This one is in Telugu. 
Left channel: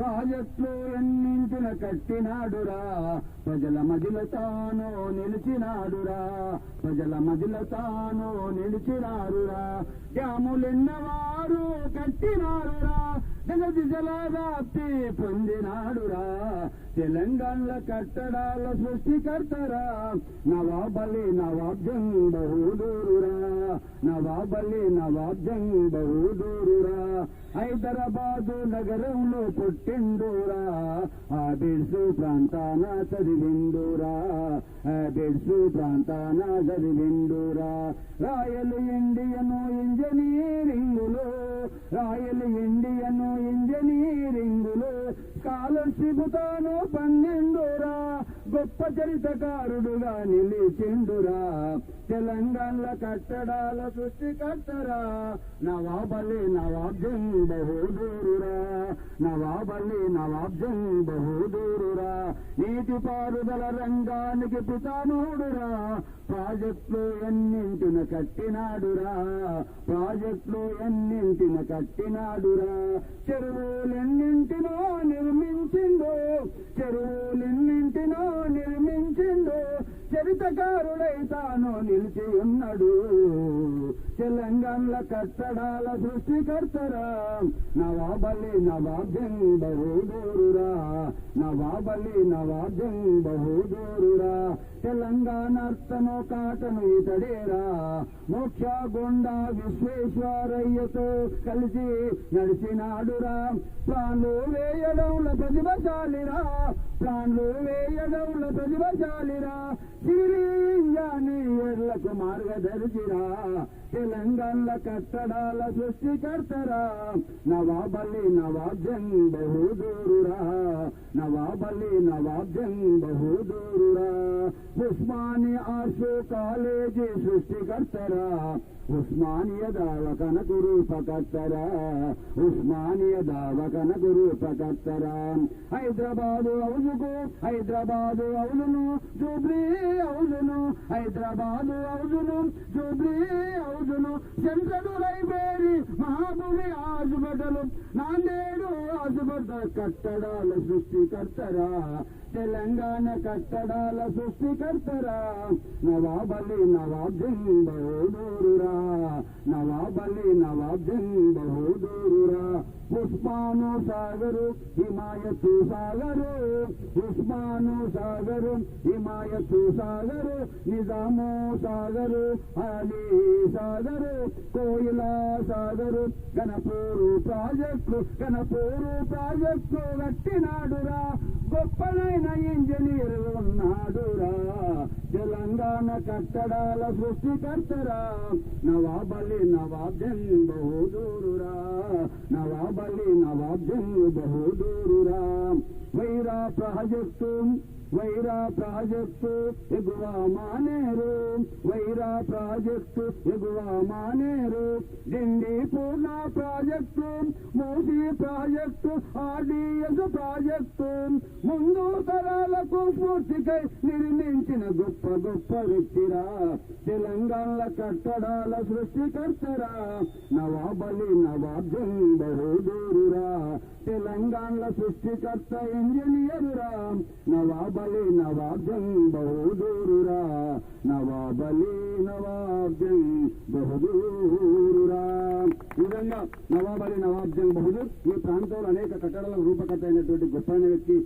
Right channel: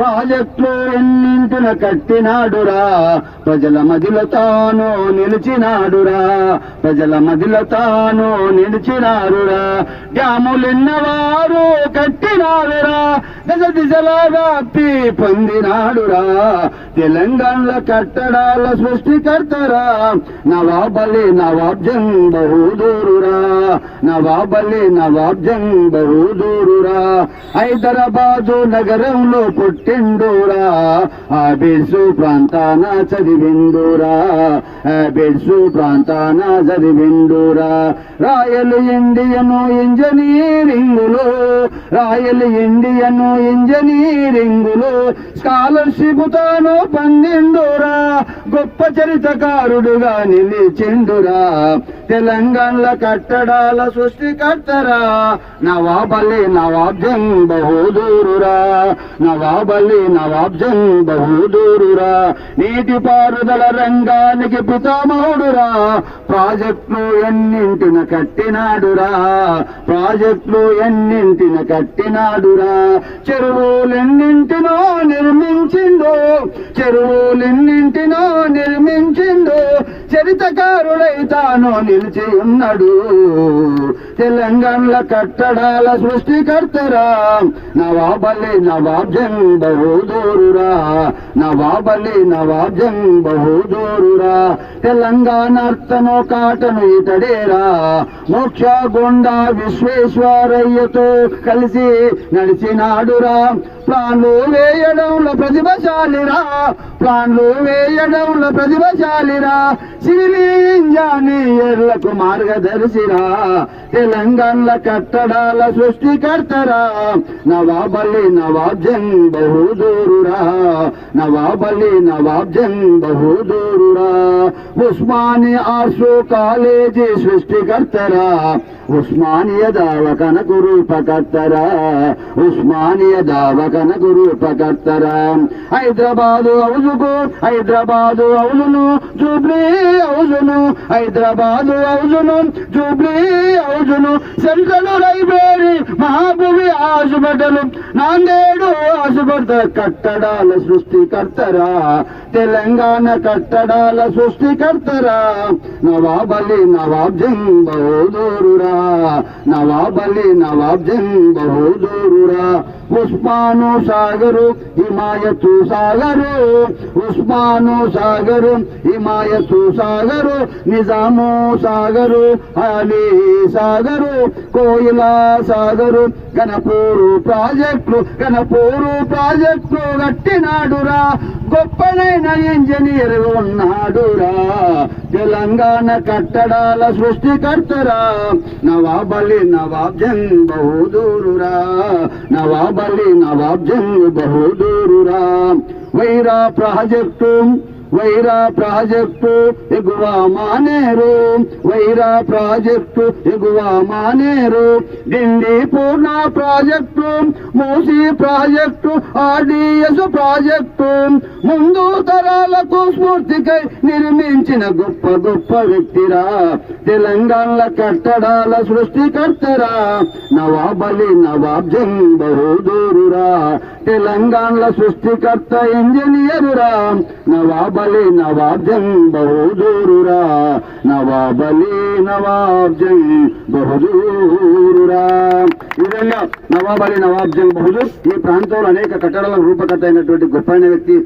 ప్రాజెక్టులు ఎన్నింటిన కట్టినాడురా, ప్రజల మదిలో తాను నిలిచినాడురా, ప్రజల మదిలో తాను నిలిచినారురా. డ్యాములెన్నవారు కట్టినారురా, దశ దిశలా వ్యాప్తి పొందినాడురా. తెలంగాణలో కట్టడాల సృష్టికర్తరా, నవాబలి నవాబ్ జంగ్ బహదూరురా, నవాబలి నవాబ్ జంగ్ బహదూరురా. హైదరాబాదు నగరంలో పుట్టిండురా, ఆ బిడ్సు ప్రాంతాన చదివిండురా, ఆ బిడ్సు ప్రాంతాన చదివిండురా. రాయల్ ఇండియను ఇంజనీరింగులో, రాయల్ ఇండియను ఇంజనీరింగులో స్కాలర్షిప్ తాను పొందిండురా, గొప్ప చరిత్రకారుడుగా నిలిచిండురా. తెలంగాణలో కట్టడాల సృష్టికర్తరా, నవాబలి నవాబ్ జంగ్ బహదూరురా, నవాబలి నవాబ్ జంగ్ బహదూరురా. నీటిపారుదల రంగానికి పితామహుడురా, ప్రాజెక్టులు ఎన్నింటిన కట్టినాడురా, ప్రాజెక్టులు ఎన్నింటిన కట్టినాడురా. చెరువులెన్నింటినో నిర్మించిండు, చెరువులెన్నింటినో నిర్మించిండు, చరిత్రకారుడై తాను నిలిచి ఉన్నాడు. తెలంగాణలో కట్టడాల సృష్టికర్తరా, నవాబలి నవాబ్ జంగ్ బహదూరురా, నవాబలి నవాబ్ జంగ్ బహదూరురా. తెలంగాణ అర్థను కాటను ఇతడేరా, మోక్ష గుండా విశ్వేశ్వరయ్యతో కలిసి నడిచినాడురా. ప్లాన్లు వేయడంలో ప్రతిభశాలిరా, ప్లాన్లు వేయడంలో ప్రతిభశాలిరా. సివిల్ ఇంజనీర్లకు మార్గదర్శిరా, తెలంగాణలో కట్టడాల సృష్టికర్తరా, నవాబలి నవాబ్ జంగ్ బహదూరురా, నవాబలి నవాబ్ జంగ్ బహదూరురా. ఉస్మానియా ఆర్ట్స్ కాలేజీ సృష్టికర్తరా, ఉస్మానియా దావకనకు రూపకర్తరా, ఉస్మానియా దావకనకు రూపకర్తరా. హైదరాబాదు హౌజుకు, హైదరాబాదు హౌజును జూబ్లీ హౌజును, హైదరాబాదు హౌజును జూబ్లీ హౌజును. సెంట్రల్ లైబ్రరీ, మహాభూమి హాస్పిటల్, నాందేడు హాస్పిటల్ కట్టడాల సృష్టికర్తరా, తెలంగాణ కట్టడాల సృష్టికర్తరా, నవాబలి నవాబ్ జంగ్ బహదూరురా, నవాబలి నవాబ్ జంగ్ బహదూరురా. ఉస్మాను సాగరు హిమాయతు సాగరు, ఉస్మాను సాగరు హిమాయతు సాగరు, నిజాము సాగరు అలీ సాగరు, కోయిలా సాగరు, గణపూరు ప్రాజెక్టులు, గణపూరు ప్రాజెక్టులు కట్టినాడురా, గొప్పనైన ఇంజనీర్ ఉన్నాడురా. తెలంగాణ కట్టడాల సృష్టికర్తరా, నవాబలి నవాబ్ జంగ్ బహదూరురా, నవాబలి నవాబ్ జంగ్ బహదూరురా. వైరా ప్రాజెక్టు, వైరా ప్రాజెక్టు ఎగువ మానేరు, వైరా ప్రాజెక్టు ఎగువ Maneru. Dindi Purna project, Musi project, RDS project, ముందు తరాలకు స్ఫూర్తికై నిర్మించిన గొప్ప గొప్ప వ్యక్తిరా, తెలంగాణలో కట్టడాల సృష్టికర్తరా, నవాబలి నవాబ్ జంగ్ బహదూరురా. తెలంగాణలో సృష్టికర్త ఇంజనీరురా, నవాబలి నవాబ్ జంగ్ బహదూరురా, నవాబలి నవాబ్ జంగ్ బహదూరురా. ఈ విధంగా నవాబలి నవాబ్ జంగ్ బహదూర్ ఈ ప్రాంతంలో అనేక కట్టడాల రూపకర్త అయినటువంటి గొప్ప వ్యక్తి.